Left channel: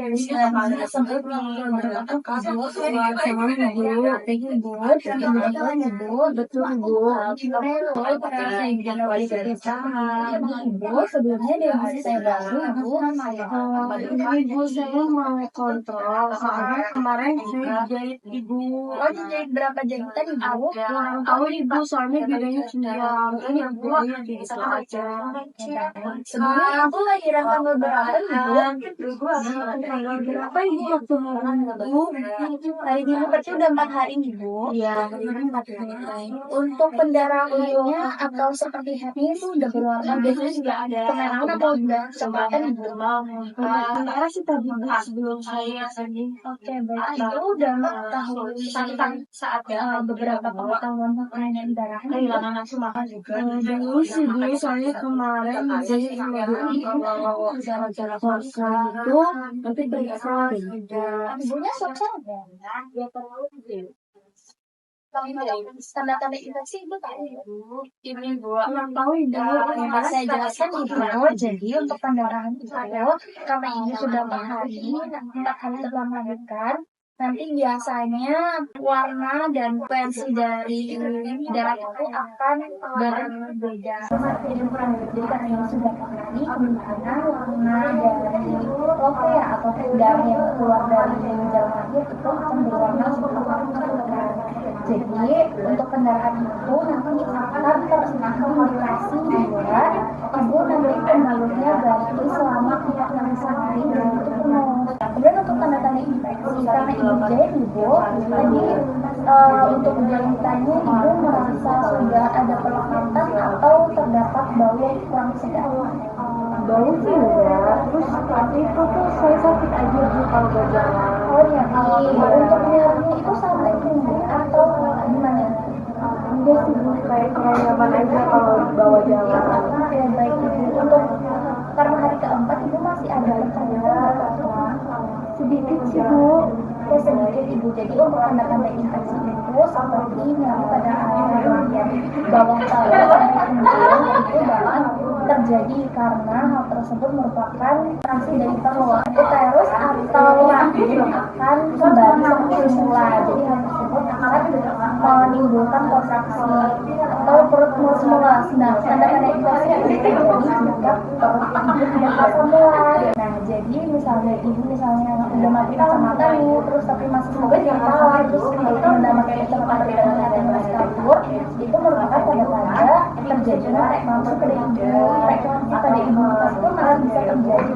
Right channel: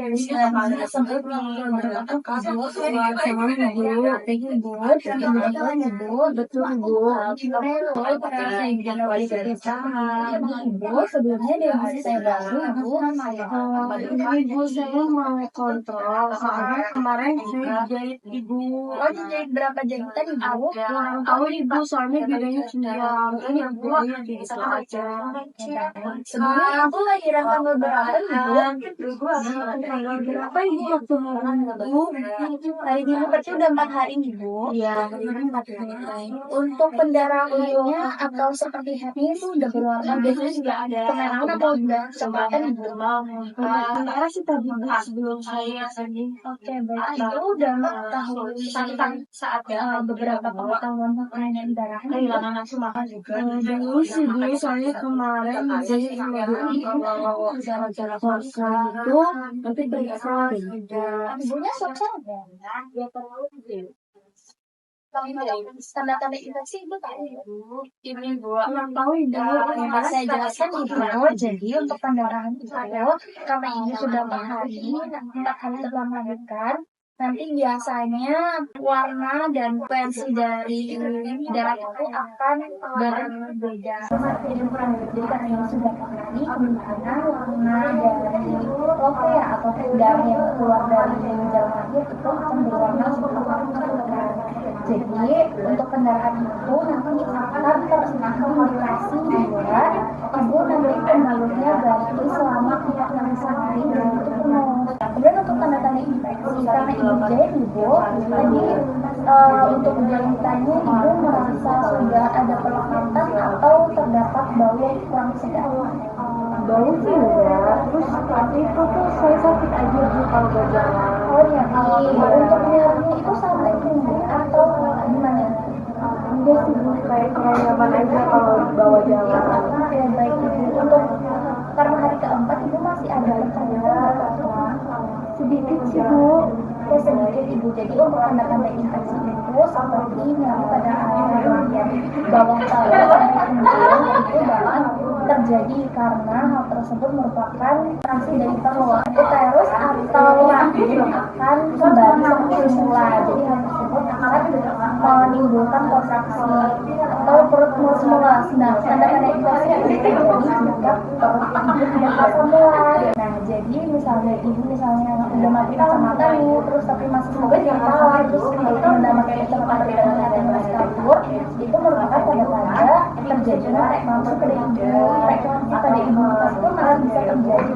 Sempat menggunakan kabel sama ibu, betul ibu. Ibu sebelumnya dia masih saya baru ibu saya mau kontrol soalnya kemarin saya jahit ibu. Oh, jahit berapa jahitan ibu? Kurang tahu ibu soalnya bedanya cuma ini ibu gitu aja. Sebelumnya ibu lahiran tanggal berapa ibu? Tanggal berapa ibu waktu ibu? Hari ini berarti udah 4 hari ibu. Iya, 4 hari. Untuk pendarahannya atau seperti happy itu udah berwarna biasanya juga ada kemerahan atau udah coklat ibu? Merah sih tadi sebelum saya tadi. Oke, baik. Itu udah mengetahui saat beberapa pengetahuan mengenai darah kehilangan nafsu makan juga. Dulu sih dulu soalnya kemarin jadi kalau jalan-jalan konser itu nanti periksa ibunya sukses nggak? Ya terlalu tanda-tanda infeksi ibu tahu ini bu kurang tahu ibu saya jelaskan ibu. Jadi untuk pendarahan itu karena ini sudah 4 hari setelah melahirkan, nanti biasanya warna dan frekuensi dari darah itu akan berbeda. Jadi karena ini sudah 4 hari, kemungkinan warna dari lope atau darah yang keluar dari jalan lahir itu akan berwarna seperti. Jadi untuk pendarahan itu nanti akan terindikasi juga ibu nanti pembalutnya berarti selama 4 hari dan itu penuh. Kemudian untuk tanda-tanda infeksi karena ibu jahit ibu tadi untuk jahitannya ibu merasa sudah ada pelekatan atau terdapat bau yang kurang sedap. Bau sih enggak, terus tapi itu tuh saya sakit aja sih kalau berjalan. Oh iya, untuk nyerinya itu sampai punggung atau gimana? Enggak sih bu, kayak nyaman aja kalau bawa jalan. Ya baik ibu, untuk karena hari keempat ibu masih ada pertanyaan sedikit sih bu. Ya sedikit ibu, jadi untuk tanda-tanda infeksi itu seperti nyeri pada area bagian bawah kepala sampai punggung itu dapat terjadi karena hal tersebut merupakan reaksi dari perut uterus atau rahim akan kembali seperti semula. Jadi hal tersebut akan menimbulkan kontraksi atau perut semula. Nah, tanda-tanda infeksi itu terjadi jika perut ibu tidak semula. Nah, jadi misalnya ibu udah mati kacamata nih, terus tapi masih sebagai di kepala, terus itu mendapatkan kacamata yang masih kabur, itu merupakan tanda-tanda terjadinya frekuensi pada ibu. Frekuensi pada imunitas itu malah bisa terjadi.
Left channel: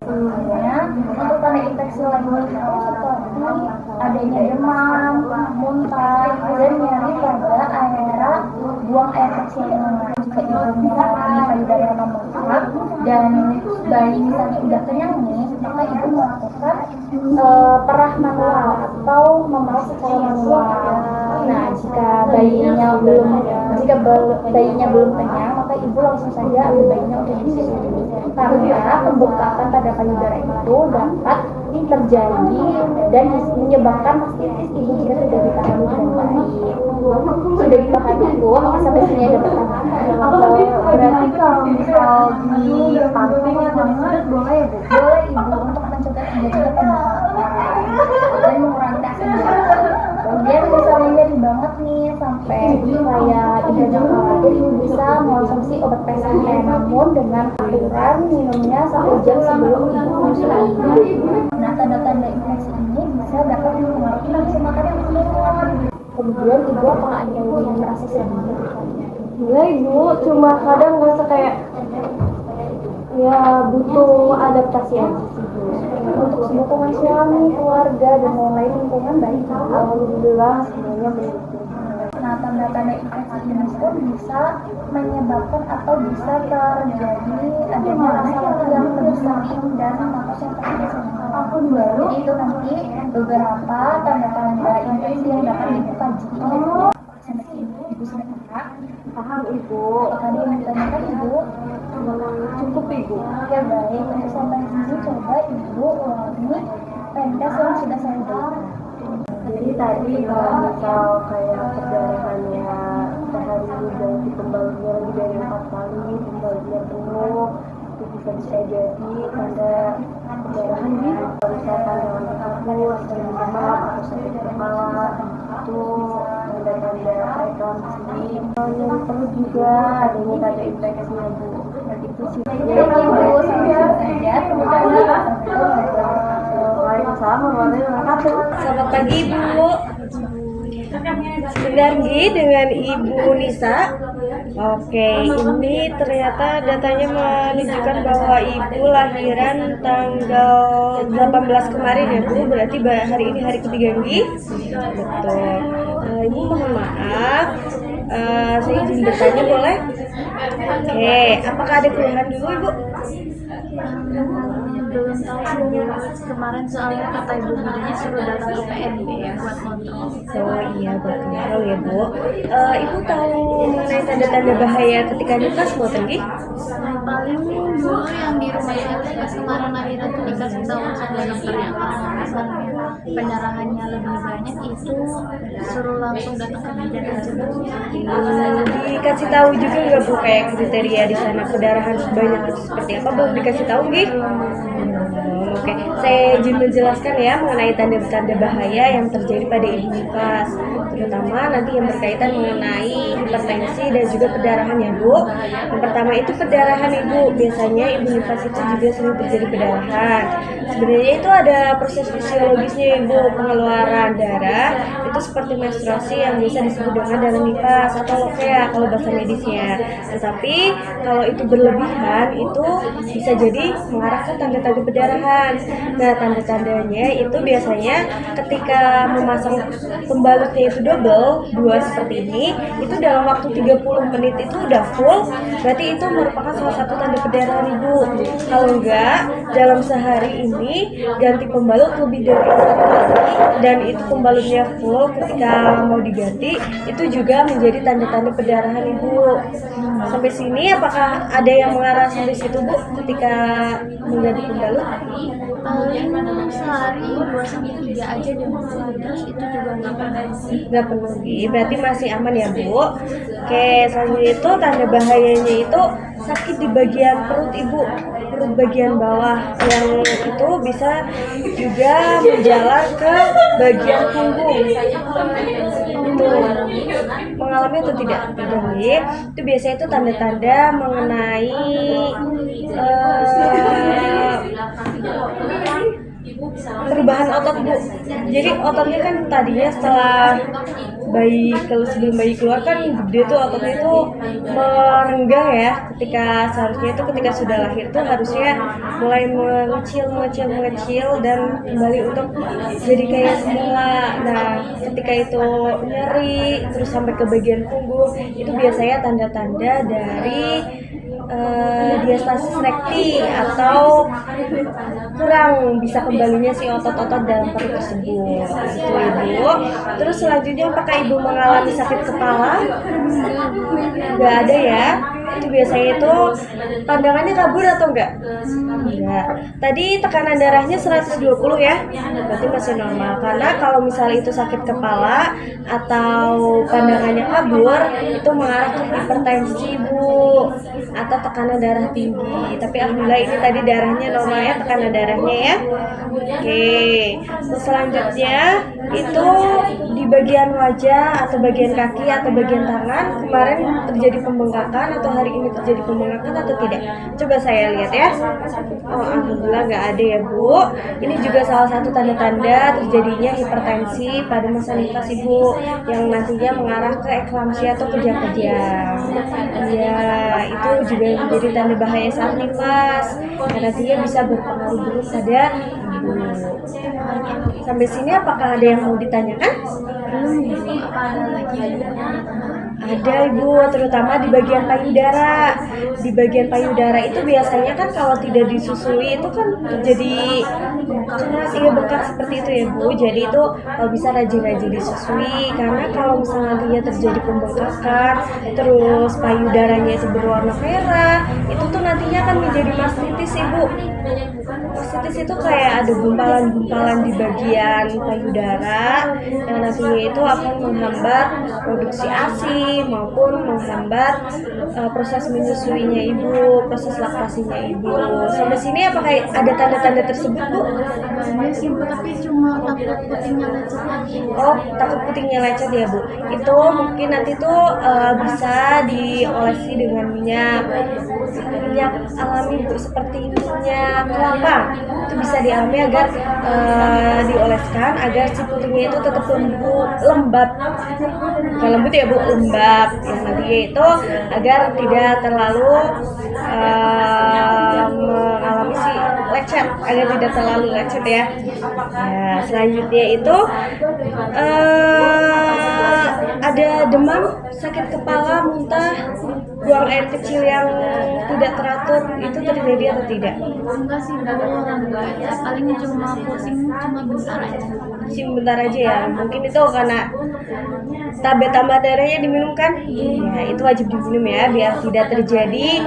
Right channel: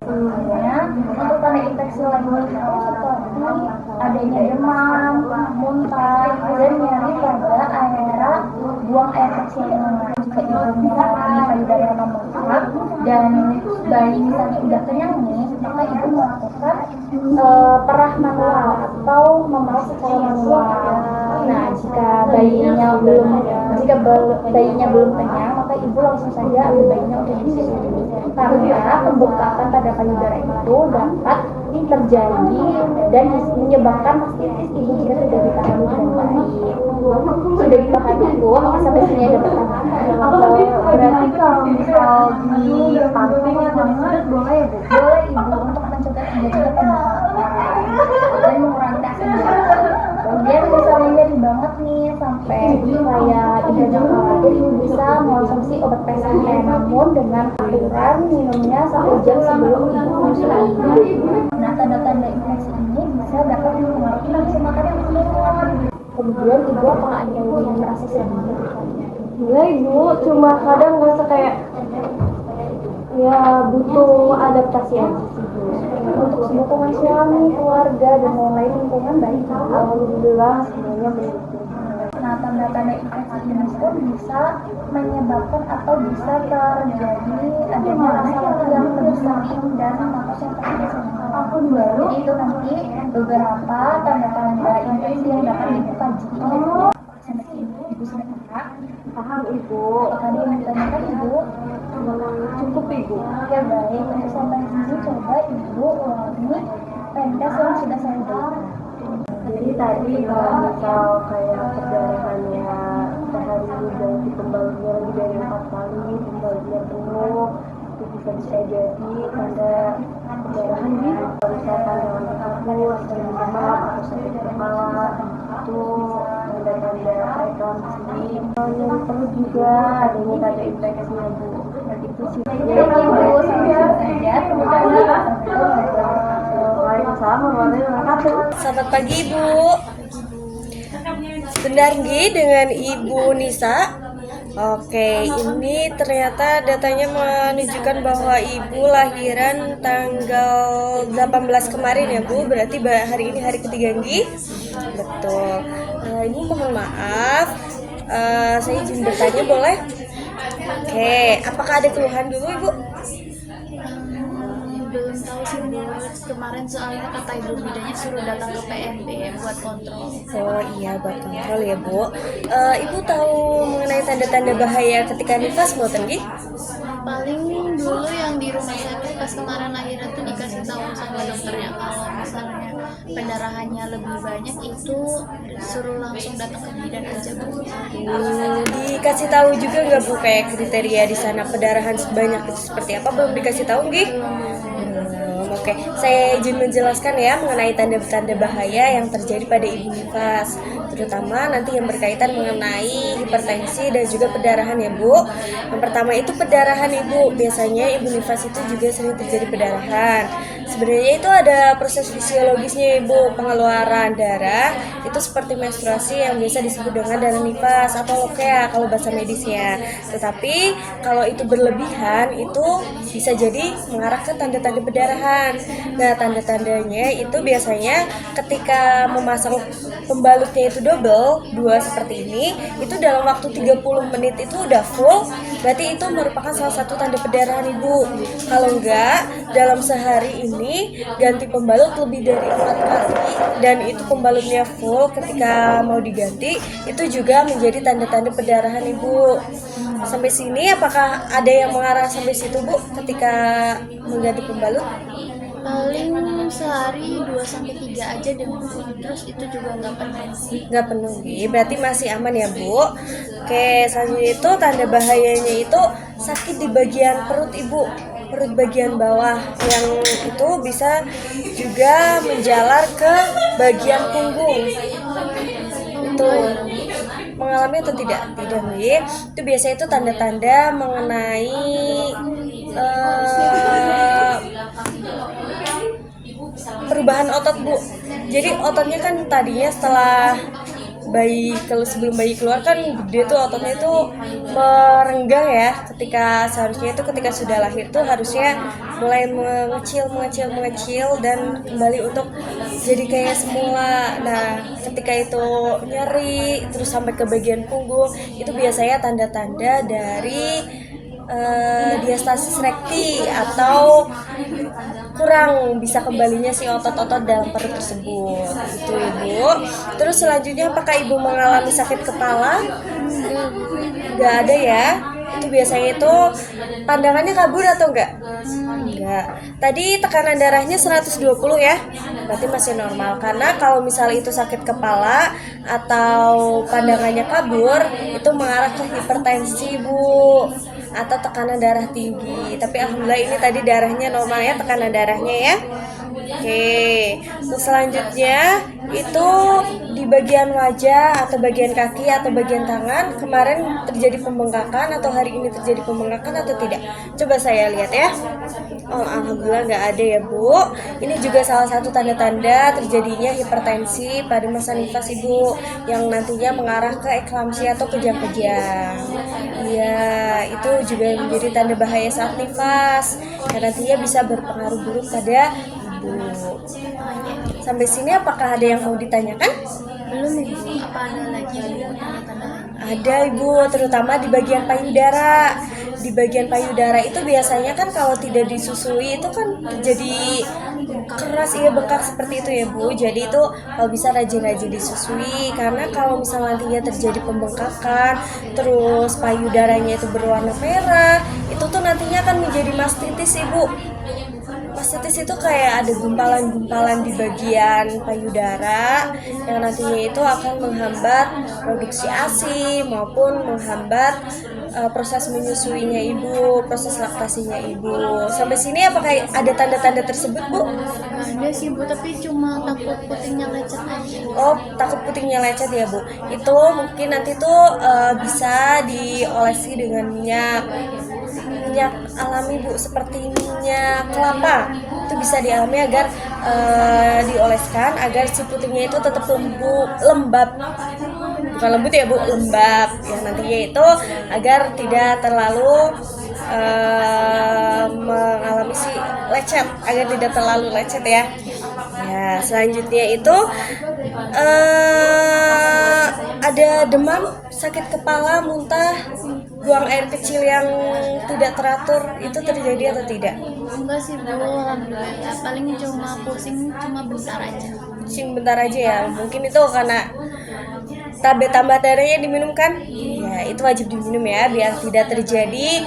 Sebelumnya untuk tanda infeksi lainnya itu seperti adanya demam, muntah, dan nyeri pada area buang air kecil. Jika ibu misalnya payudara yang membengkak dan bayi misalnya udah kenyang nih, maka ibu melakukan perah manual atau memerah secara manual. Nah, jika bayinya belum kenyang, maka ibu langsung saja ambil bayinya untuk disusui. Karena pembengkakan pada payudara itu dapat terjadi dan menyebabkan mastitis ibu jika tidak ditangani dengan baik. Sudah dipahami ibu, apakah sampai sini ada pertanyaan? Berarti kalau misal di panting banget boleh ya bu? Boleh ibu untuk mencegah terjadinya pembengkakan dan mengurangi rasa nyeri. Kemudian misalnya nyeri banget nih sampai kayak tidak khawatir, ibu bisa mengonsumsi obat PCN, namun dengan aturan minumnya 1 jam sebelum ibu menyusui. Nah, tanda-tanda infeksi ini bisa dapat mempengaruhi nafsu makan yang menurun. Kemudian ibu apakah ada yang merasa sedih? Iya ibu, cuma kadang ngerasa kayak ya butuh adaptasi aja sih bu. Untuk lingkungan suami, keluarga, dan lain-lain lingkungan baik. Alhamdulillah semuanya baik. Nah, tanda-tanda infeksi ini pun bisa menyebabkan atau bisa terjadi adanya rasa lapar yang lebih sering dan nafas yang terasa. Jadi itu nanti beberapa tanda-tanda infeksi yang dapat ibu kaji. Ibu sudah paham ibu. Tadi yang ditanyakan ibu cukup ibu. Ya baik, untuk sampai sini coba ibu ulangi pendas yang sudah saya berikan. Jadi tadi kalau misal kayak perdarahannya sehari dan pembaliknya lebih dari 4 kali, pembaliknya penuh, itu bisa jadi tanda perdarahan gitu. Yang perlu juga adanya tanda infeksinya Bu. Itu sih. Jadi Ibu saja Waalaikumsalam warahmatullahi wabarakatuh. Selamat pagi Ibu. Benar nggih dengan Ibu Nisa? Oke, ini ternyata datanya menunjukkan bahwa Ibu lahiran tanggal 18 kemarin ya Bu. Berarti hari ini hari ketiga nggih? Betul. Ibu mohon maaf. Saya izin bertanya boleh? Oke, apakah ada keluhan dulu Ibu? Kemarin soalnya kata ibu bidannya suruh datang ke PNP ya buat kontrol. Oh iya, buat kontrol ya Bu. Ibu tahu mengenai tanda-tanda bahaya ketika nifas mau pergi? Paling dulu yang di rumah sakit pas kemarin lahiran tuh dikasih tahu sama dokternya kalau misalnya pendarahannya lebih banyak itu suruh langsung datang ke bidan aja Bu. Dikasih tahu juga nggak Bu kayak kriteria di sana pendarahan sebanyak seperti apa Bu, dikasih tahu nggih? Oke, saya izin menjelaskan ya mengenai tanda-tanda bahaya yang terjadi pada ibu nifas, terutama nanti yang berkaitan mengenai hipertensi dan juga perdarahan ya Bu. Yang pertama itu perdarahan Ibu, biasanya ibu nifas itu juga sering terjadi perdarahan. Sebenarnya itu ada proses fisiologisnya Ibu, pengeluaran darah itu seperti menstruasi yang biasa disebut dengan darah nifas atau lokea kalau bahasa medisnya. Tetapi kalau itu berlebihan itu bisa jadi mengarah ke tanda-tanda perdarahan. Nah, tanda-tandanya itu biasanya ketika memasang pembalutnya itu double, dua seperti ini, itu dalam waktu 30 menit itu udah full, berarti itu merupakan salah satu tanda perdarahan Ibu. Kalau enggak, dalam sehari ini ganti pembalut lebih dari 4 kali dan itu pembalutnya full ketika mau diganti, itu juga menjadi tanda-tanda perdarahan Ibu. Sampai sini apakah ada yang mengarah sampai situ Bu ketika mengganti pembalut? Paling sehari 2-3 aja deh Bu. Terus itu juga nggak penuh, berarti masih aman ya Bu. Oke, selanjutnya itu tanda bahayanya itu sakit di bagian perut Ibu, perut bagian bawah yang itu bisa juga menjalar ke bagian punggung. Itu mengalami atau tidak? Tidak nih. Itu biasanya itu tanda-tanda mengenai perubahan otot Bu. Jadi ototnya kan tadinya setelah sebelum bayi keluar kan dia tuh ototnya itu merenggang ya, ketika seharusnya itu ketika sudah lahir tuh harusnya mulai mengecil dan kembali untuk jadi kayak semula. Nah, ketika itu nyeri terus sampai ke bagian punggung itu biasanya tanda-tanda dari diastasis rekti atau kurang bisa kembalinya si otot-otot dalam perut tersebut. Itu Ibu. Terus selanjutnya apakah Ibu mengalami sakit kepala? Nggak ada ya. Itu biasanya itu pandangannya kabur atau enggak? Enggak. Tadi tekanan darahnya 120 ya. Berarti masih normal. Karena kalau misalnya itu sakit kepala atau pandangannya kabur, itu mengarah ke hipertensi Bu, atau tekanan darah tinggi. Tapi alhamdulillah ini tadi darahnya normal ya, tekanan darahnya ya. Oke. Terus selanjutnya itu di bagian wajah atau bagian kaki atau bagian tangan kemarin terjadi pembengkakan atau hari ini terjadi pembengkakan atau tidak? Coba saya lihat ya. Oh, alhamdulillah nggak ada ya Bu. Ini juga salah satu tanda-tanda terjadinya hipertensi pada masa nifas Ibu yang nantinya mengarah ke eklamsia atau kejang-kejang. Ya, itu juga menjadi tanda bahaya saat nifas dan nantinya bisa berpengaruh buruk pada ibu. Sampai sini apakah ada yang mau ditanyakan? belum Bu. Ada lagi Ada Ibu, terutama di bagian payudara. Di bagian payudara itu biasanya kan kalau tidak disusui itu kan jadi keras, iya bengkak seperti itu ya Bu. Jadi itu bisa rajin-rajin disusui, karena kalau misalnya nantinya terjadi pembengkakan terus payudaranya itu berwarna merah, itu tuh nantinya akan menjadi mastitis Ibu. Mastitis itu kayak ada gumpalan-gumpalan di bagian payudara yang nantinya itu akan menghambat produksi ASI maupun menghambat proses menyusuinya ibu, proses laktasinya ibu. Sampai sini apakah ada tanda-tanda tersebut Bu? Ada sih Bu, tapi cuma takut putingnya lecet aja. Oh, takut putingnya lecet ya Bu. Itu mungkin nanti tuh bisa diolesi dengan minyak alami Bu, seperti minyak kelapa. Itu bisa dialami agar dioleskan agar si putingnya itu tetap lembab. Bukan lembut ya Bu, lembab. Ya nantinya itu agar tidak terlalu mengalami si lecet, agar tidak terlalu lecet ya. Nah, selanjutnya itu ada demam, sakit kepala, muntah, buang air kecil yang tidak teratur, itu terjadi atau tidak? Enggak sih Bu, alhamdulillah ya. Paling cuma pusing cuma bentar aja. Pusing bentar aja ya. Mungkin itu karena tablet tambah darahnya diminum kan? Ya, itu wajib diminum ya biar tidak terjadi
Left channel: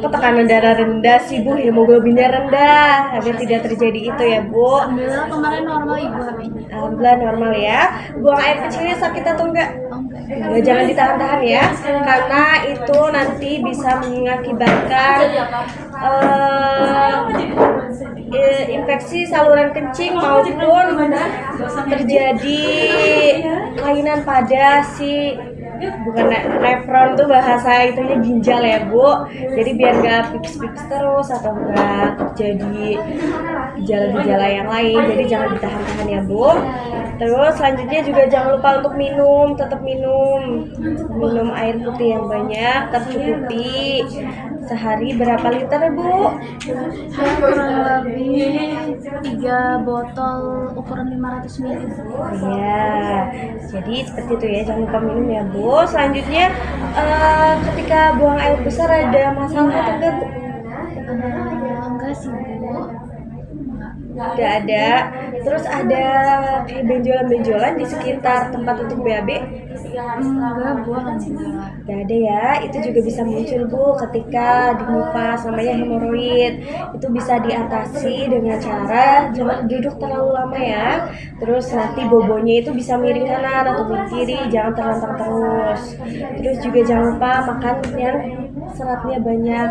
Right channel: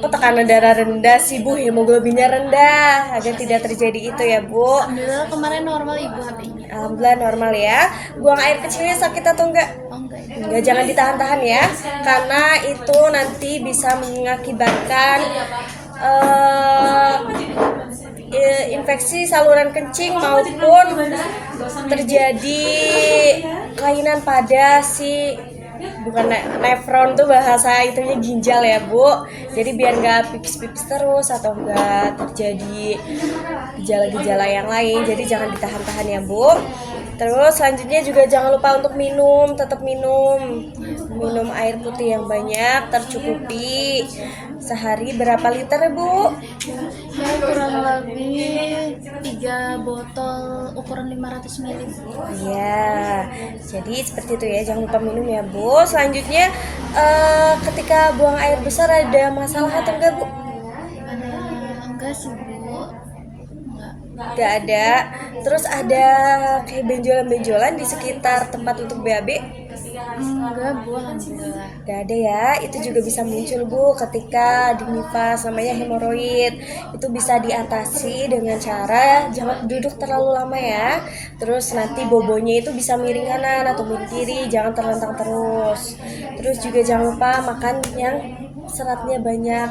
tekanan darah rendah sih Bu, hemoglobinnya rendah, agar tidak terjadi itu ya Bu. Alhamdulillah kemarin normal Ibu HB-nya. Alhamdulillah normal ya. Buang air kecilnya sakit atau enggak? Oh enggak. Nah, jangan ditahan-tahan ya, karena itu nanti bisa mengakibatkan infeksi saluran kencing maupun terjadi kelainan pada si bukan nefron tuh bahasa itunya ginjal ya Bu. Jadi biar nggak pipis-pipis terus atau nggak terjadi gejala-gejala yang lain, jadi jangan ditahan-tahan ya Bu. Terus selanjutnya juga jangan lupa untuk tetap minum air putih yang banyak, tercukupi. Sehari berapa liter ya Bu? Saya kurang lebih 3 botol ukuran 500 ml. Ya, jadi seperti itu ya, jangan lupa minum ya Bu. Selanjutnya ketika buang air besar ada masalah atau enggak Bu? Enggak sih Bu. Enggak ada. Terus ada kayak benjolan-benjolan di sekitar tempat untuk BAB? Enggak Bu, alhamdulillah. Gak ada ya, itu juga bisa muncul Bu ketika di nifas, namanya hemoroid. Itu bisa diatasi dengan cara jangan duduk terlalu lama ya. Terus nanti bobonya itu bisa miring kanan atau miring kiri, jangan terlentang terus. Terus juga jangan lupa makan yang seratnya banyak,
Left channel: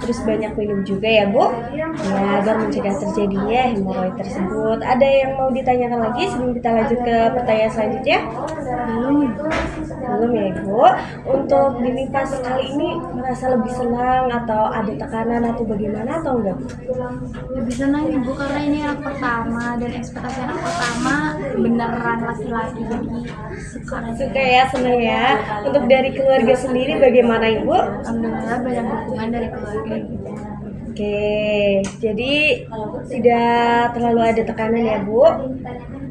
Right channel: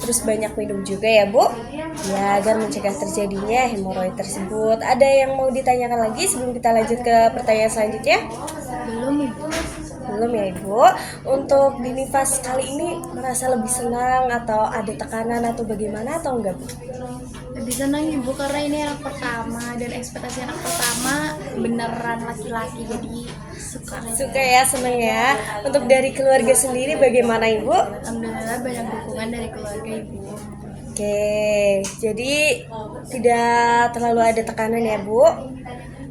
terus banyak minum juga ya Bu, ya agar mencegah terjadinya hemoroid tersebut. Ada yang mau ditanyakan lagi sebelum kita lanjut ke pertanyaan selanjutnya? Belum ya Ibu. Untuk di nifas kali ini merasa lebih senang atau ada tekanan atau bagaimana atau enggak? Lebih senang Ibu karena ini anak pertama dan ekspektasi anak pertama beneran laki-laki, jadi Suka ya, senang ya. Untuk dari keluarga sendiri bagaimana Ibu? alhamdulillah banyak dukungan dari keluarga Ibu. Oke, jadi tidak terlalu ada tekanan ya Bu.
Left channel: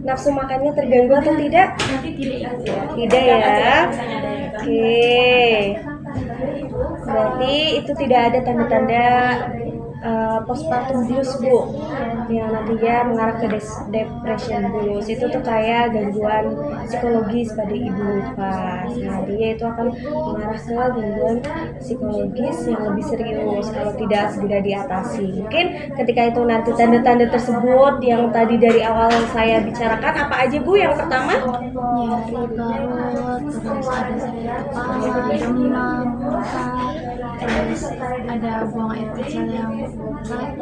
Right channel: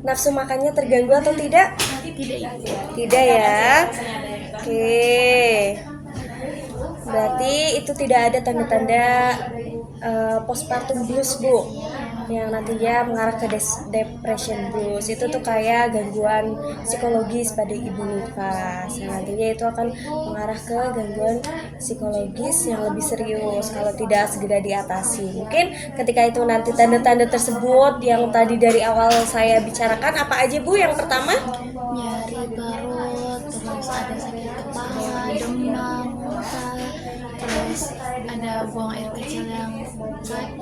Nafsu makannya terganggu atau tidak? Tidak ya. Oke. Berarti itu tidak ada tanda-tanda postpartum blues Bu, yang nantinya mengarah ke depression blues. Itu tuh kayak gangguan psikologis pada ibu nifas. Nantinya itu akan mengarah ke gangguan psikologis yang lebih serius kalau tidak segera diatasi. Mungkin ketika itu nanti tanda-tanda tersebut yang tadi dari awal saya bicarakan, apa aja Bu? Yang pertama Nyari perut, terus ada sakit kepala, demam, muntah, terus ada buang air kecil yang sakit,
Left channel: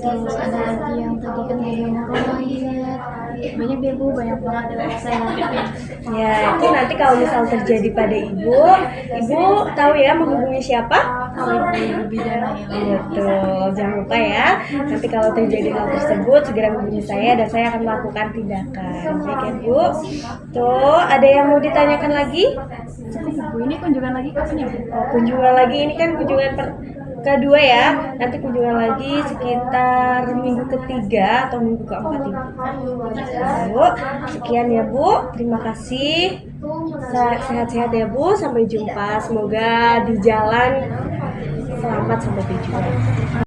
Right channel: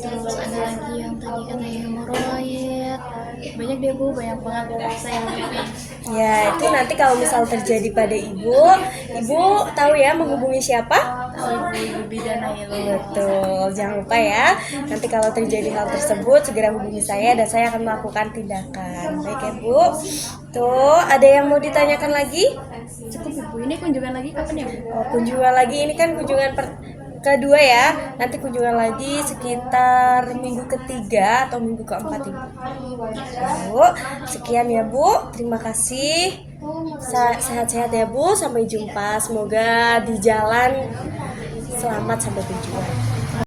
terus ada lagi yang tadi katanya hemoroid. Banyak deh Bu, banyak banget saya hadapin. ya, itu nanti kalau misal terjadi pada ibu tahu ya menghubungi siapa? Ibu bidan Betul, jangan lupa ya. Nanti kalau terjadi hal tersebut segera hubungi saya dan saya akan melakukan tindakan. Baik ya Bu. Tuh, ada yang mau ditanyakan lagi? Bu, ini kunjungan lagi kapan ya Bu? Oh, kunjungan lagi ini kan kunjungan kedua ya. Nanti kunjungan lagi sekitar minggu ketiga atau minggu keempat Ibu. Bu, sekian ya Bu. Terima kasih. Sehat-sehat ya Bu. Sampai jumpa. Semoga di jalan selamat sampai tujuan.